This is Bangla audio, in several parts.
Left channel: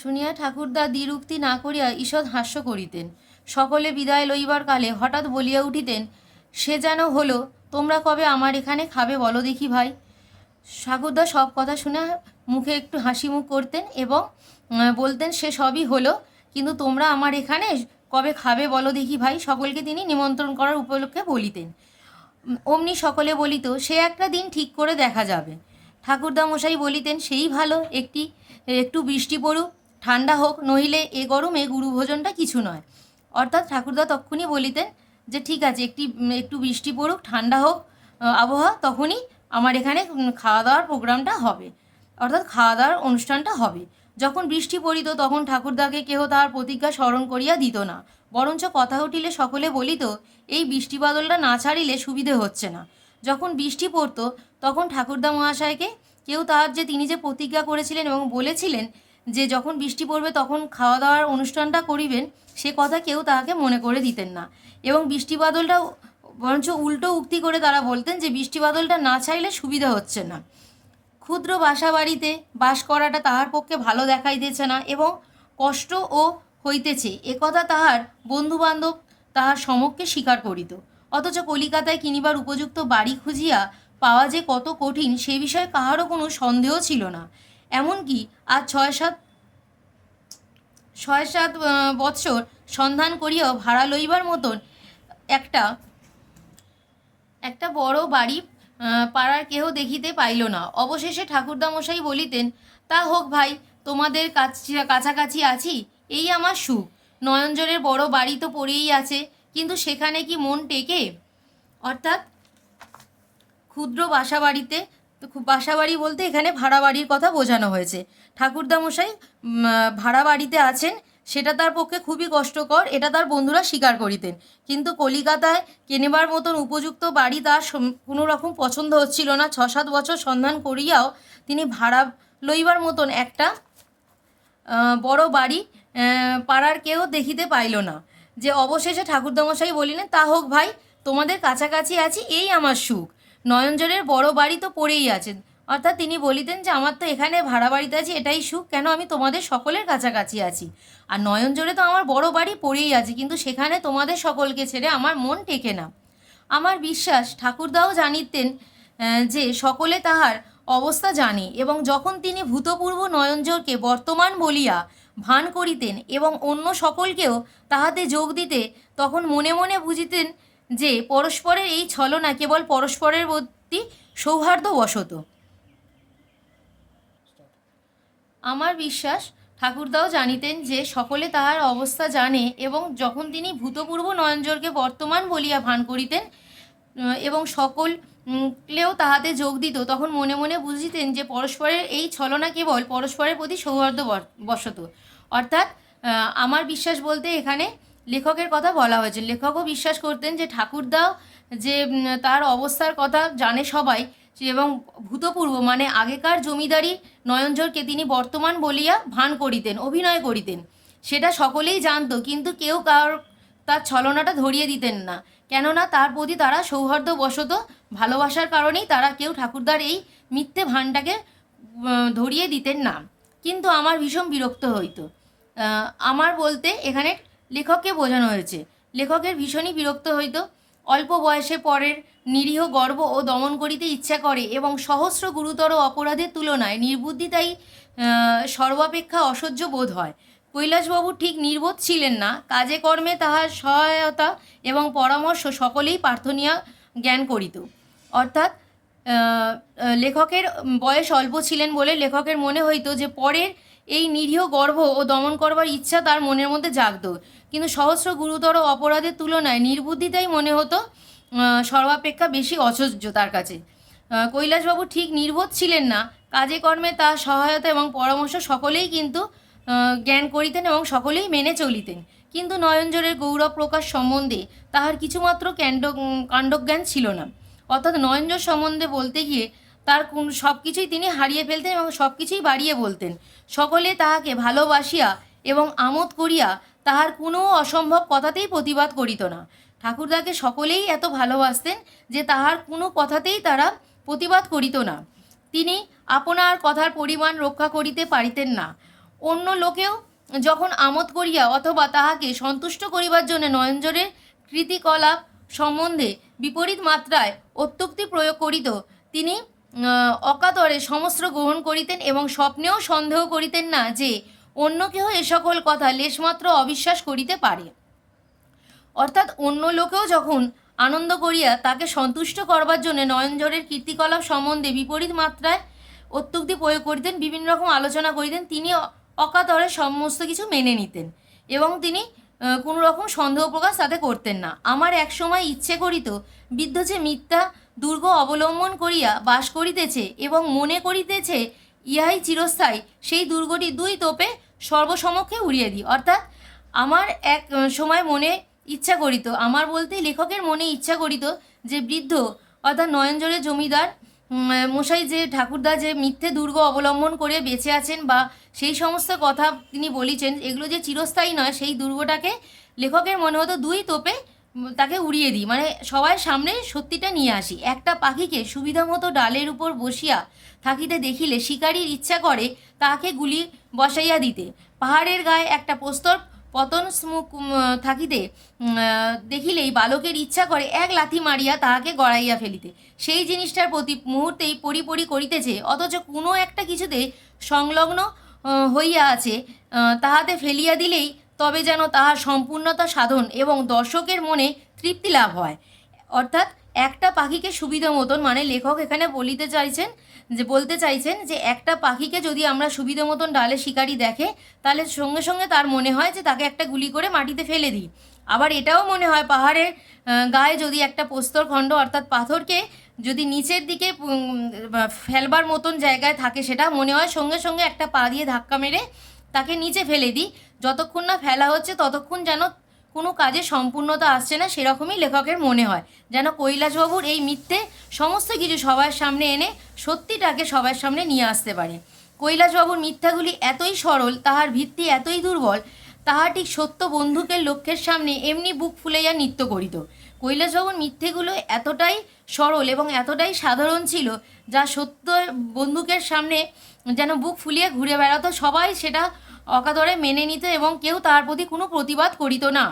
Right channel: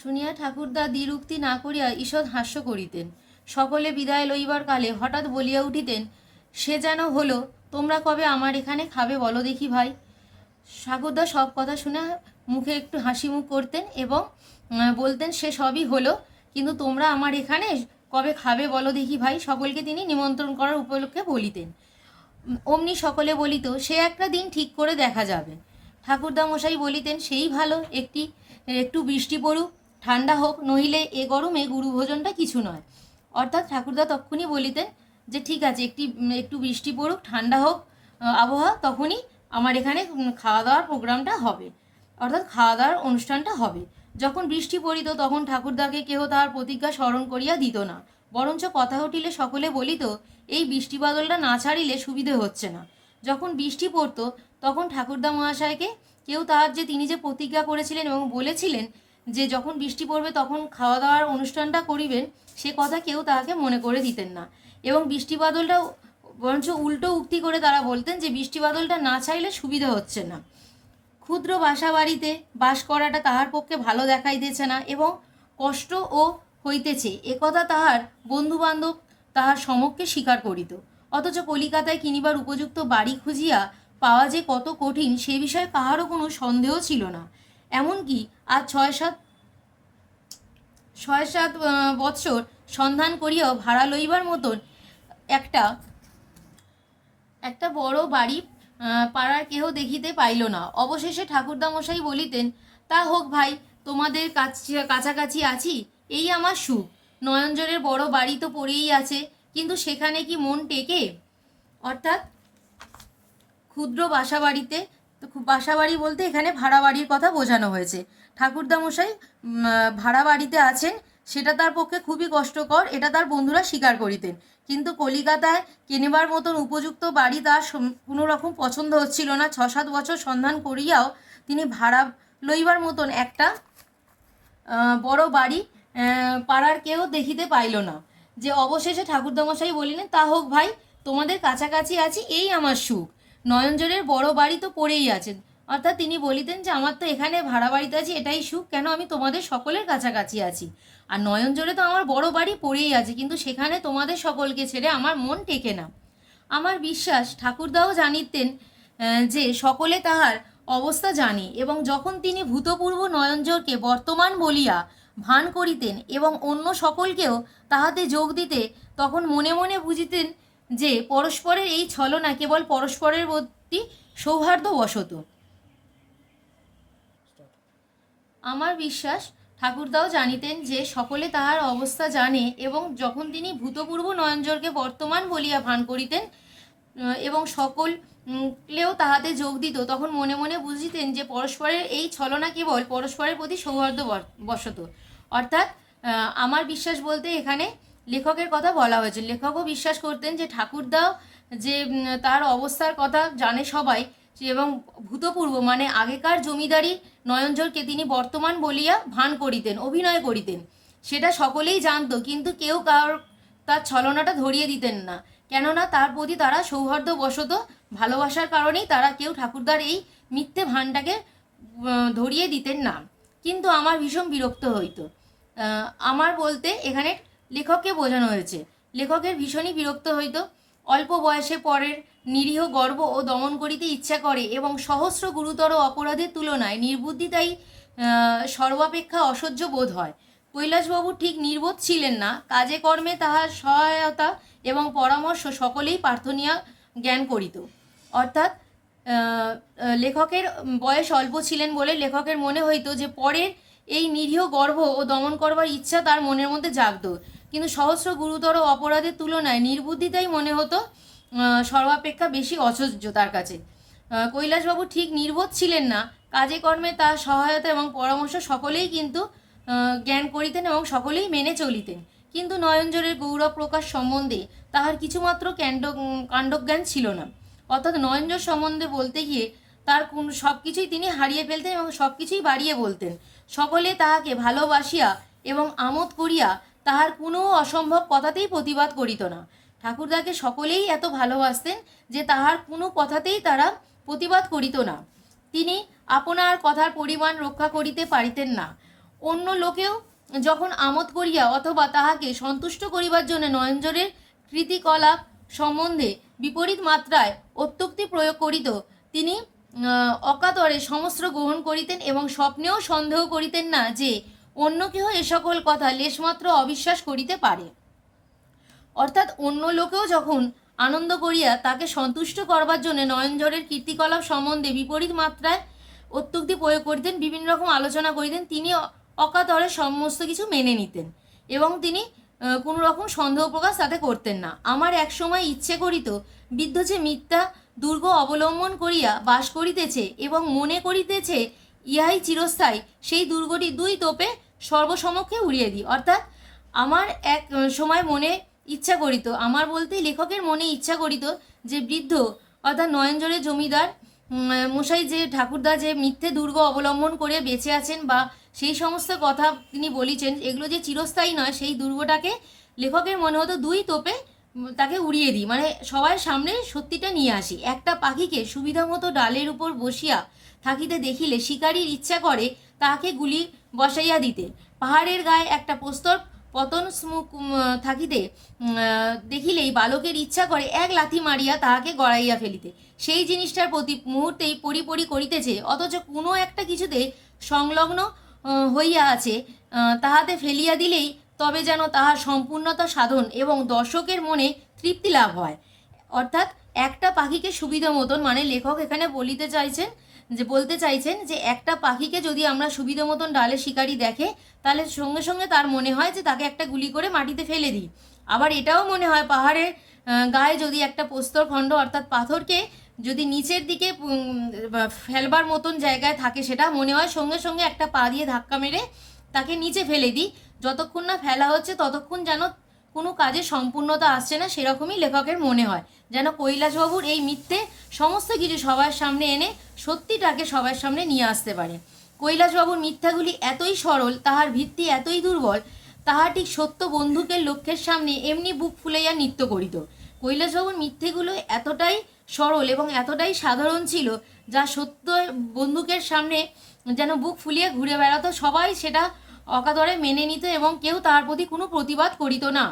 শুনিয়া ঠাকুরদা দ্বিরুক্তি না করিয়া ঈষৎ হাস্য করিতেন। সকলে বিদায় লইবার কালে হঠাৎ বলিয়া উঠিতেন, সে যেন হলো, তোমরা কবে আমার এখানে খাবে বলো দেখি ভাই। ঠাকুরদা সব কথা শুনে মুখে একটু হাসি মুখ করতেন এবং বলতেন, সে সবই হলো, কিন্তু তোমরা আমার এখানে কবে খাবে বলো দেখি ভাই। সকলকে তিনি নিমন্ত্রণ করার উপলক্ষে বলিতেন। অমনি সকলে বলিত, সে একটা দিন ঠিক করে দেখা যাবে। ঠাকুরদা মশাই বলিতেন, সেই ভালো, একটু বৃষ্টি পড়ুক, ঠান্ডা হোক, নইলে এ গরমে গুরুভোজনটা কিছু নয়। অর্থাৎ ঠাকুরদা তক্ষুনি বলিতেন যে ঠিক আছে, একটু বৃষ্টি পড়ুক, ঠান্ডা হোক আবহাওয়া, তখনই আমার এখানে খাওয়া দাওয়ার প্রোগ্রামটা হবে, অর্থাৎ খাওয়া দাওয়ার অনুষ্ঠানটা হবে। যখন বৃষ্টি পড়িত তখন ঠাকুরদাকে কেহ তাহার প্রতিজ্ঞা স্মরণ করিয়া দিত না, বরঞ্চ কথা উঠিলে সকলে বলিত, এই বৃষ্টি বাদলটা না ছাড়িলে সুবিধে হচ্ছে না। যখন বৃষ্টি পড়তো তখন ঠাকুরদা মহাশয়কে কেউ তাহার তিনি যে প্রতিজ্ঞা করেছিলেন এবং বলেছিলেন যে যখন বৃষ্টি পড়বে তখন খাওয়া দাওয়ার অনুষ্ঠানটা করিবেন, সে কথা কেউ তাহাকে মনে করে দিতেন না। এবং বৃষ্টি বাদলটাও বরঞ্চ উল্টো উক্তি করে তারা বলতেন যে বৃষ্টি বাদলটা না চাইলে সুবিধা হচ্ছে না। ক্ষুদ্র বাসা বাড়িতে বাস করাটা তাহার পক্ষে ভালো দেখাইতেছে না এবং কষ্টও হইতেছে, একথা তাহার বন্ধুবান্ধব তাহার সমক্ষে স্বীকার করিত। অথচ কলিকাতায় কিনিবার উপযুক্ত বাড়ি খুঁজিয়া পাওয়া যে কত কঠিন, সে বিষয়ে কাহারও কোনো সন্দেহ ছিল না। এমনকি আজ ছয় সাত বৎসর সন্ধান করিয়াও ভাড়া লইবার মতন একটা একটা বড় বাড়ি পাড়ার কেহ দেখিতে পাইল না। অবশেষে ঠাকুরদামশাই বলিতেন, তা হোক ভাই, তোমাদের কাছাকাছি আছি, এই আমার সুখ। নয়নজোরের বড় বাড়ি তো পড়েই আছে, কিন্তু সেখানে কি মন টেকে? অর্থাৎ ক্ষুদ্র বাসাবাড়িতে, বাসাবাড়ি বলতে এখানে ভাড়া বাড়ির কথা বোঝানো হয়েছে। ঠাকুরদামশাই ভাড়া বাড়িতে আছেন, সেটা তার পক্ষে খুবই কষ্টকর, এটা তার বন্ধুরা স্বীকার করিতেন। কিন্তু কলিকাতায় কেনেবার মতন উপযুক্ত বাড়ি তার কোনো রকম পছন্দ হচ্ছিল না। 6-7 বছর সন্ধান করিয়াও তিনি ভাড়া লইবার মতন একটা বড় বাড়ি পাড়ার কেউ দেখিতে পাইল না। যে অবশেষে ঠাকুরদামশাই বলিলেন, তা হোক ভাই, তোমাদের কাছাকাছি আছি, এই আমার সুখ। নয়নজোরের বড় বাড়ি তো পড়েই আছে। অর্থাৎ তিনি বলিতেন যে আমার তো এখানে ভাড়া বাড়িতে আছি, এটাই সুখ, কেন আমি তোমাদের সকলের কাছাকাছি আছি। আর নয়নজোরে তো আমার বড় বাড়ি পড়েই আছে, কিন্তু সেখানে তোমাদের সকলকে ছেড়ে আমার মন টেকে না। আমার বিশ্বাস ঠাকুরদাও জানিতেন যে সকলে তাহার অবস্থা জানে, এবং যখন তিনি ভূতপূর্ব নয়নজোরকে বর্তমান বলিয়া ভান করিতেন এবং অন্য সকলকেও তাহাতে যোগ দিতে, তখন মনে মনে বুঝিতেন যে পরস্পরের এই ছলনা কেবল পরস্পরের প্রতি সৌহার্দ্যবশত। আমার বিশ্বাস ঠাকুরদাও জানিতেন যে সকলে তাহার অবস্থা জানে, এবং যখন তিনি ভূতপূর্ব নয়নজোরকে বর্তমান বলিয়া ভান করিতেন এবং সকলেও তাহাতে যোগ দিত, তখন মনে মনে বুঝিতেন যে পরস্পরের এই ছলনা কেবল পরস্পরের প্রতি সৌহার্দ্যবশত। অর্থাৎ আমার বিশ্বাস বলতে এখানে লেখকের কথা বলা হয়েছে। লেখকও বিশ্বাস করতেন যে ঠাকুরদাও যে তার অবস্থার কথা জানে সবাই, এবং ভূতপূর্ব মানে আগেকার জমিদারি নয়নজোরকে তিনি বর্তমান বলিয়া ভান করিতেন, অভিনয় করিতেন, সেটা সকলেই জানতো, কিন্তু কেউ তার ছলনাটা ধরিয়ে দিতেন না, কেননা তার প্রতি তারা সৌহার্দ্যবশত ভালোবাসার কারণেই তারা কেউ ঠাকুরদার এই মিথ্যে ভানটাকে ধরিয়ে দিতেন না। কিন্তু আমার ভীষণ বিরক্ত হইতো। আমার বলতে এখানে লেখককে বোঝানো হয়েছে। লেখকের ভীষণই বিরক্ত হইতো। অল্প বয়সে পরের নিরীহ গর্ব ও দমন করিতে ইচ্ছা করে, এবং সহস্র গুরুতর অপরাধের তুলনায় নির্বুদ্ধিতাই সর্বাপেক্ষা অসহ্য বোধ হয়। কৈলাসবাবু ঠিক নির্বোধ ছিলেন না। কাজে কর্মে তাহার সহায়তা এবং পরামর্শ সকলেই প্রার্থনীয় জ্ঞান করিত। অর্থাৎ লেখকের বয়স অল্প ছিলেন বলে লেখকের মনে হইতো যে পরের এই নিরীহ গর্ব ও দমন করবার ইচ্ছা তার মনের মধ্যে জাগত, কিন্তু সহস্র গুরুতর অপরাধের তুলনায় নির্বুদ্ধিতাই মনে হতো সর্বাপেক্ষা বেশি অসহ্য তার কাছে। কৈলাসবাবু ঠিক নির্বোধ ছিলেন না। কাজে কর্মে তার সহায়তা এবং পরামর্শ সকলেই কিন্তু জ্ঞান করিতেন এবং সকলেই মেনে চলিতেন, কিন্তু নয়নজোরের গৌরব প্রকাশ সম্বন্ধে তাহার কিছুমাত্র কাণ্ডজ্ঞান ছিল না। অর্থাৎ নয়নজোর সম্বন্ধে বলতে গিয়ে তার সব কিছুই তিনি হারিয়ে ফেলতেন এবং সব কিছুই বাড়িয়ে বলতেন। সকলে তাহাকে ভালোবাসিয়া এবং আমোদ করিয়া তাহার কোনো অসম্ভব কথাতেই প্রতিবাদ করিত না। ঠাকুরদাকে সকলেই এত ভালোবাসতেন যে তাহার কোনো কথাতেই তারা প্রতিবাদ করিত না। তিনি আপনার কথার পরিমাণ রক্ষা করিতে পারিতেন না। অন্য লোকেও যখন আমোদ করিয়া অথবা তাহাকে সন্তুষ্ট করিবার জন্য নয়নজোড়ের কৃতিকলাপ সম্বন্ধে বিপরীত মাত্রায় অত্যুক্তি প্রয়োগ করিত, তিনি অকাতরে সমস্ত গ্রহণ করিতেন এবং স্বপ্নেও সন্দেহ করিতেন না যে অন্য কেহ এ সকল কথা লেশমাত্র অবিশ্বাস করিতে পারে। অর্থাৎ অন্য লোকেও যখন আনন্দ করিয়া তাকে সন্তুষ্ট করবার জন্য নয়নজোড়ের কীর্তিকলাপ সম্বন্ধে বিপরীত মাত্রায় অত্যুক্তি প্রয়োগ করিতেন, বিভিন্ন রকম আলোচনা করিতেন, তিনি অকাতরে সমস্ত কিছু মেনে নিতেন এবং তিনি কোনো রকম সন্দেহ প্রকাশ তাতে করতেন না। আমার এক সময় ইচ্ছে করিত বৃদ্ধ যে মিথ্যা দুর্গ অবলম্বন করিয়া বাস করিতেছে এবং মনে করিতেছে ইহাই চিরস্থায়ী, সেই দুর্গটি দুই তোপে সর্বসমক্ষে উড়িয়ে দিই। অর্থাৎ আমার এক সময় মনে ইচ্ছা করিত, আমার বলতে লেখকের মনে ইচ্ছা করিত যে বৃদ্ধ অর্থাৎ নয়নজোড়ের জমিদার মশাই যে ঠাকুরদা যে মিথ্যে দুর্গ অবলম্বন করে বেঁচে আছেন বা সেই সমস্ত কথা তিনি বলেছেন, এগুলো যে চিরস্থায়ী নয়, সেই দুর্গটাকে লেখকের মনে হতো দুই তোপে তাকে উড়িয়ে দিই, মানে সবার সামনে সত্যিটা নিয়ে আসি। একটা পাখিকে সুবিধা মতো ডালের উপর বসিয়া থাকিতে দেখিলে শিকারীর ইচ্ছা করে তাহাকে গুলি বসাইয়া দিতে। পাহাড়ের গায়ে একটা প্রস্তর পতন স্মুখ থাকিতে দেখিলেই বালকের ইচ্ছা করে এক লাথি মারিয়া তাহাকে গড়াইয়া ফেলিতে। সেই জিনিসটার প্রতি মুহূর্তেই পরি করিতেছে, অথচ কোনো একটা কিছুতে সংলগ্ন হইয়া আছে, তাহাতে ফেলিয়া দিলেই তবে যেন তাহার সম্পূর্ণতা সাধন এবং দর্শকের মনে তৃপ্তি লাভ হয়। অর্থাৎ একটা পাখিকে সুবিধা মতন, মানে লেখক এখানে বলতে চাইছেন যে একটা পাখিকে যদি আমরা সুবিধা মতন ডালে শিকারি দেখে, তাহলে সঙ্গে সঙ্গে তার মনে হয় যে তাকে একটা গুলি করে মাটিতে ফেলে দিই। আবার এটাও মনে হয় পাহাড়ের গায়ে যদি একটা প্রস্তরখণ্ড অর্থাৎ পাথরকে যদি নিচের দিকে ফেলবার মতন জায়গায় থাকে, সেটা মনে হয় সঙ্গে সঙ্গে একটা পা দিয়ে ধাক্কা মেরে তাকে নিচে ফেলে দিই। যতক্ষণ না ফেলা হচ্ছে ততক্ষণ যেন কোনো কাজে সম্পূর্ণতা আসছে না, সেরকমই লেখকের মনে হয়, যেন কৈলাসবাবুর এই মিথ্যে সমস্ত কিছু সবার সামনে এনে সত্যিটাকে সবার সামনে নিয়ে আসতে পারে। কৈলাসবাবুর মিথ্যাগুলি এতই সরল, তাহার ভিত্তি এতই দুর্বল, তাহা ঠিক সত্য বন্দুকের লক্ষ্যের সামনে এমনি বুক ফুলাইয়া নৃত্য করিত। কৈলাসবাবুর মিথ্যেগুলো এতটাই সরল এবং এতটাই সাধারণ ছিল, যা সত্য বন্দুকের সামনে যেন বুক ফুলিয়ে ঘুরে বেড়াতো, সবাই সেটা অকাতরে মেনে নিত এবং কেউ তার প্রতি কোনো প্রতিবাদ করিত না।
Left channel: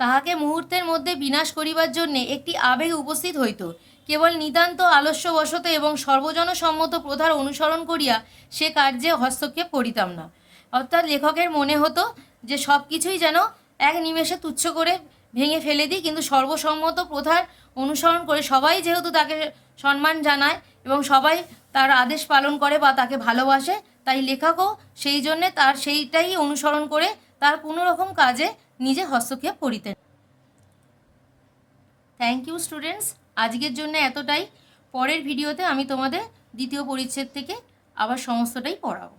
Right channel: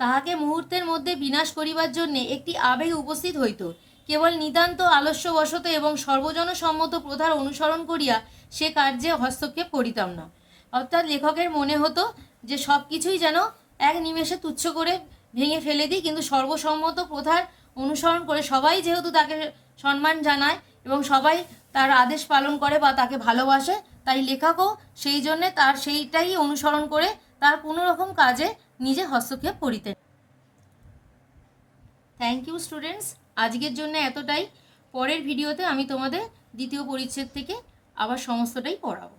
তাহাকে মুহূর্তের মধ্যে বিনাশ করিবার জন্যে একটি আবেগ উপস্থিত হইত। কেবল নিতান্ত আলস্যবশত এবং সর্বজনসম্মত প্রথার অনুসরণ করিয়া সে কার্যে হস্তক্ষেপ করিতাম না। অর্থাৎ লেখকের মনে হতো যে সব কিছুই যেন এক নিমেষে তুচ্ছ করে ভেঙে ফেলে দিই, কিন্তু সর্বসম্মত প্রথার অনুসরণ করে সবাই যেহেতু তাকে সম্মান জানায় এবং সবাই তার আদেশ পালন করে বা তাকে ভালোবাসে, তাই লেখকও সেই জন্যে তার সেইটাই অনুসরণ করে তার কোনো রকম কাজে নিজে হস্তক্ষেপ করিতেন। থ্যাংক ইউ স্টুডেন্টস, আজকের জন্য এতটাই। পরের ভিডিওতে আমি তোমাদের দ্বিতীয় পরিচ্ছেদ থেকে আবার সমস্তটাই পড়াবো।